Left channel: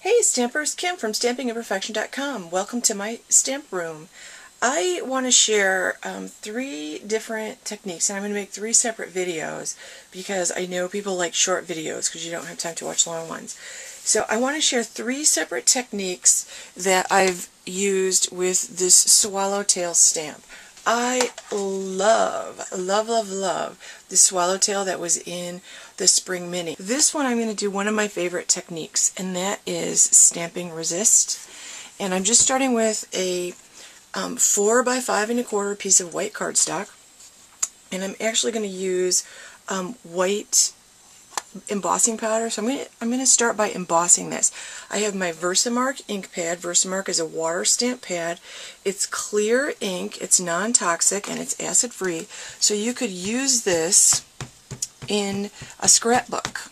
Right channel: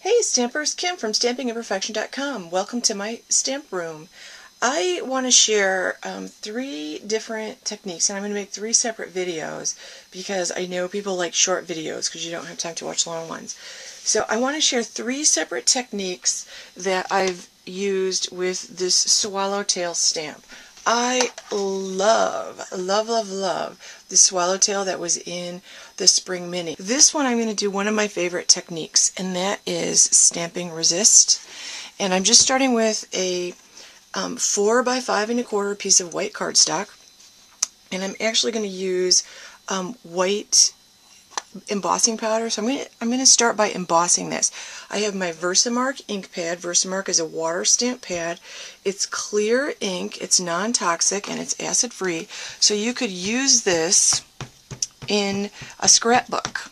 Hey Stampers, Kim from stampingimperfection.com. Welcome to my stamp room. I want to share 3 different techniques, and I'm going to make 3 separate videos because I know people like short videos because you don't have time to watch long ones. So I want to share 3 separate techniques that I've used with this Swallowtail stamp. I love the Swallowtail that was in the Spring Mini. This one I'm going to do one of my favorite techniques, and that is stamping resist. And I'm just starting with a 4 by 5 1/4 piece of white cardstock, and I'm actually going to use white embossing powder. So I'm going to start by embossing this. I have my Versamark ink pad. Versamark is a water stamp pad. It's clear ink, it's non-toxic, and it's acid-free. So you could use this in a scrapbook.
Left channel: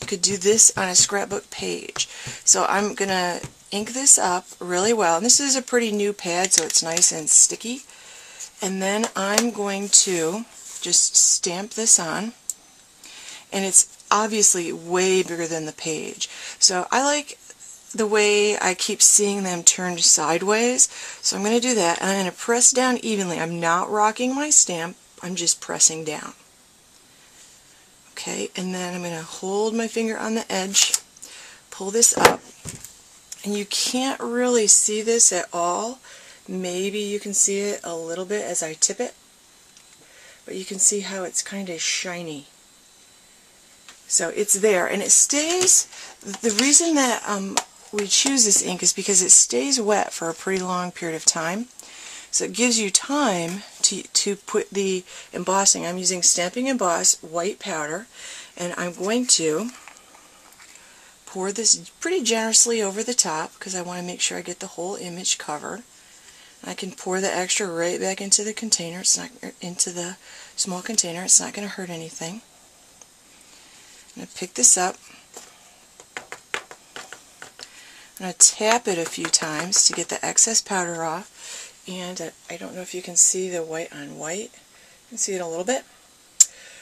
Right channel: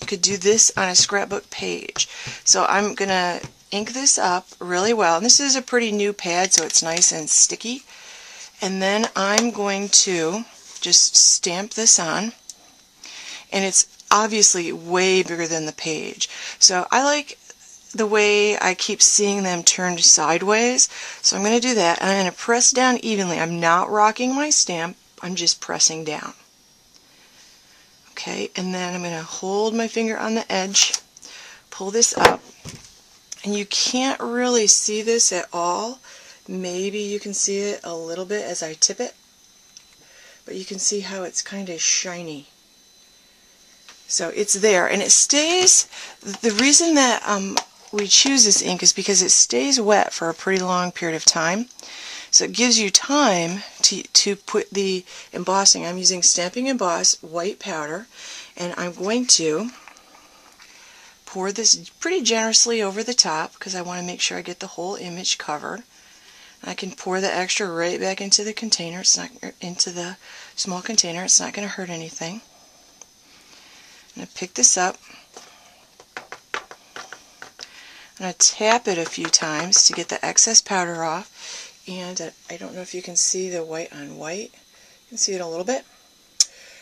You could do this on a scrapbook page. So I'm going to ink this up really well. And this is a pretty new pad, so it's nice and sticky. And then I'm going to just stamp this on. And it's obviously way bigger than the page. So I like the way I keep seeing them turned sideways. So I'm going to do that, and I'm going to press down evenly. I'm not rocking my stamp, I'm just pressing down. Okay, and then I'm going to hold my finger on the edge, pull this up, and you can't really see this at all. Maybe you can see it a little bit as I tip it, but you can see how it's kind of shiny. So it's there, and it stays. The reason that we choose this ink is because it stays wet for a pretty long period of time. So it gives you time to put the embossing. I'm using Stampin Emboss white powder, and I'm going to pour this pretty generously over the top because I want to make sure I get the whole image covered. I can pour the extra right back into the container. It's not into the small container. It's not going to hurt anything. I'm going to pick this up. I'm going to tap it a few times to get the excess powder off. And I don't know if you can see the white on white. You can see it a little bit.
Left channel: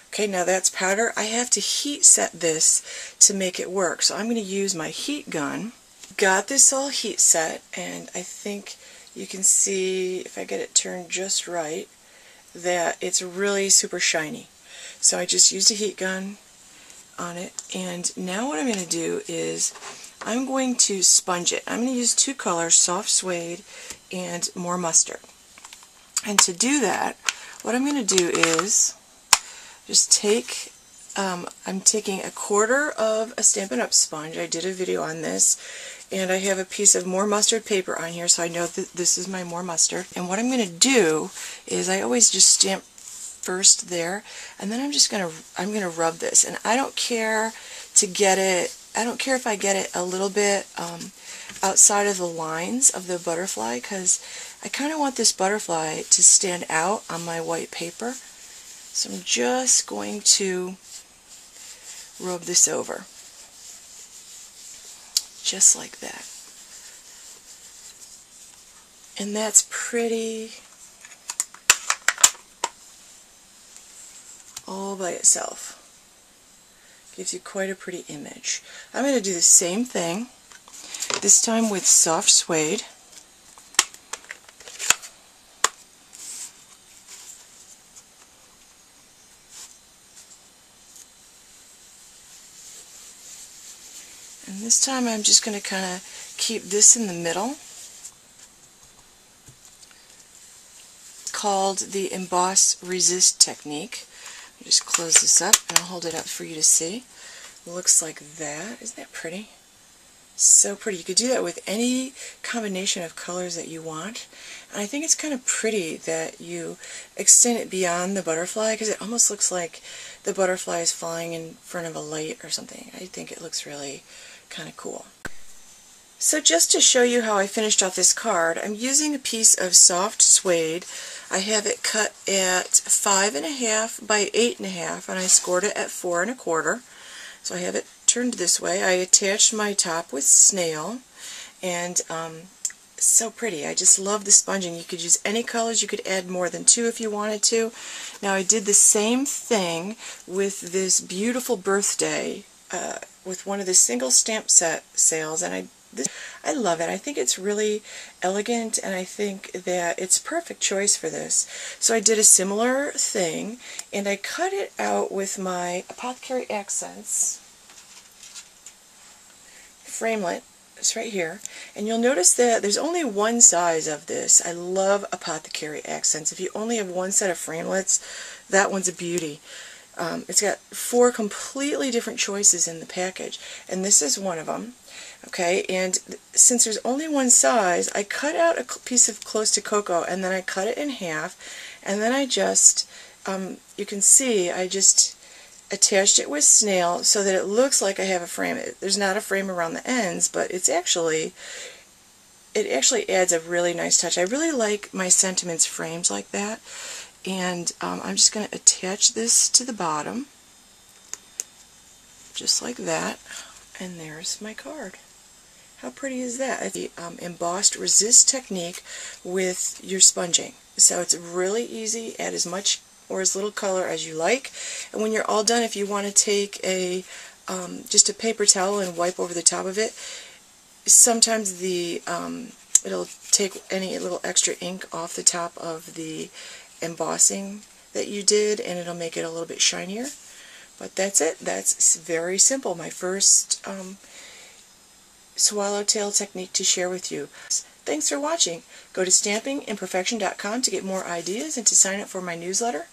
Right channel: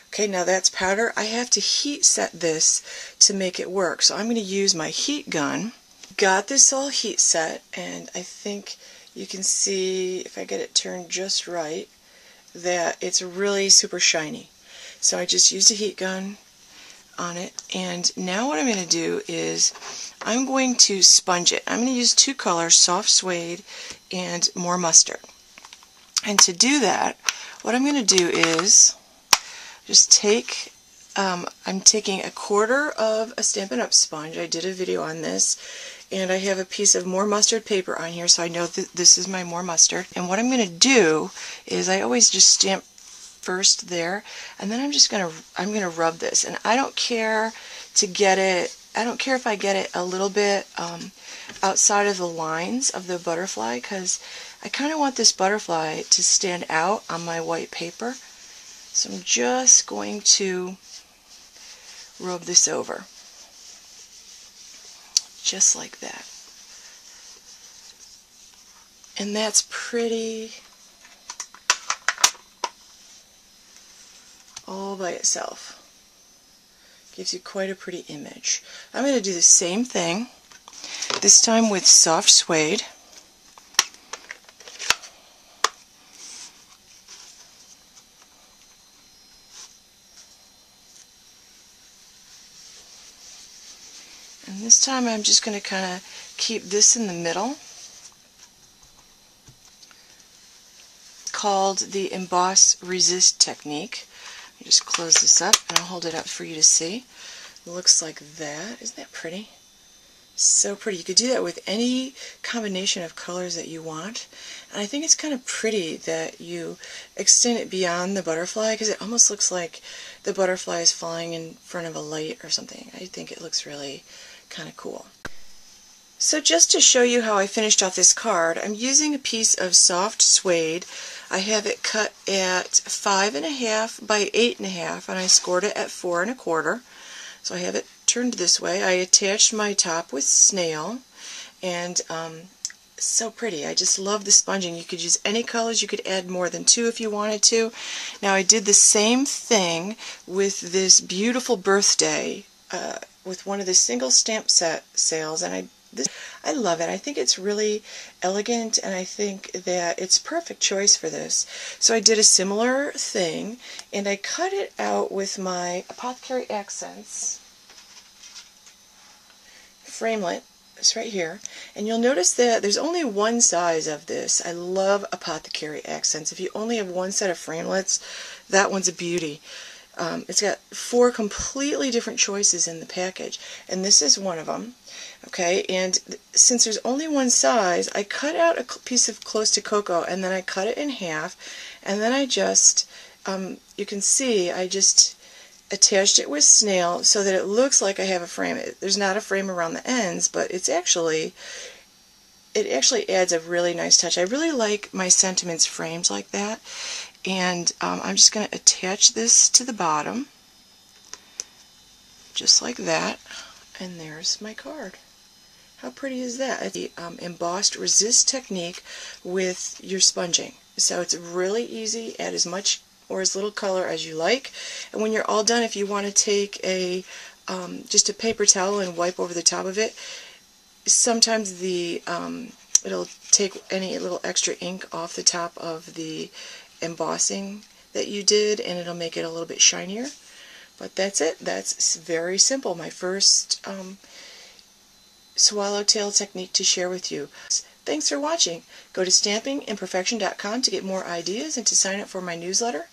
Okay, now that's powder. I have to heat set this to make it work. So I'm going to use my heat gun. Got this all heat set, and I think you can see, if I get it turned just right, that it's really super shiny. So I just used a heat gun on it, and now what I'm going to do is I'm going to sponge it. I'm going to use 2 colors, Soft Suede and More Mustard. And to do that, what I'm going to do is just take, I'm taking 1/4 of a Stampin' Up! Sponge. I did a video on this, and I have a piece of More Mustard paper on here, so I know that this is my More Mustard. And what I'm going to do is I always just stamp first there, and then I'm going to rub this. And I don't care to get it, I don't care if I get it a little bit outside of the lines of the butterfly, because I kind of want this butterfly to stand out on my white paper. So I'm just going to rub this over, just like that. And that's pretty all by itself. Gives you quite a pretty image. I'm going to do the same thing, this time with Soft Suede. And this time I'm just going to kind of keep this in the middle. It's called the Emboss Resist technique. Just close this up, and I'll hold it up for you to see. It looks like that. Isn't that pretty? So pretty. You could do that with any combination of colors that you want. And I think it's kind of pretty that you extend it beyond the butterfly, because it almost looks like the butterfly is flying in front of a light or something. I think it looks really kind of cool. So just to show you how I finished off this card, I'm using a piece of Soft Suede. I have it cut at 5 1/2 by 8 1/2, and I scored it at 4 1/4. So I have it turned this way. I attached my top with snail, and so pretty. I just love the sponging. You could use any colors. You could add more than 2 if you wanted to. Now I did the same thing with this beautiful birthday with one of the single stamp set sales, and I I love it. I think it's really elegant, and I think that it's a perfect choice for this. So I did a similar thing, and I cut it out with my Apothecary Accents framelit. It's right here, and you'll notice that there's only one size of this. I love Apothecary Accents. If you only have one set of framelits, that one's a beauty. It's got 4 completely different choices in the package, and this is one of them. Okay, and since there's only one size, I cut out a piece of close to cocoa, and then I cut it in half, and then I just, you can see, I just attached it with snail so that it looks like I have a frame. There's not a frame around the ends, but it actually adds a really nice touch. I really like my sentiments frames like that, and I'm just going to attach this to the bottom, just like that, and there's my card. How pretty is that? It's the embossed resist technique with your sponging. So it's really easy. Add as much or as little color as you like. And when you're all done, if you want to take a just a paper towel and wipe over the top of it, sometimes it'll take any little extra ink off the top of the embossing that you did, and it'll make it a little bit shinier. But that's it. That's very simple. My first Swallowtail technique to share with you. Thanks for watching. Go to stampingimperfection.com to get more ideas and to sign up for my newsletter.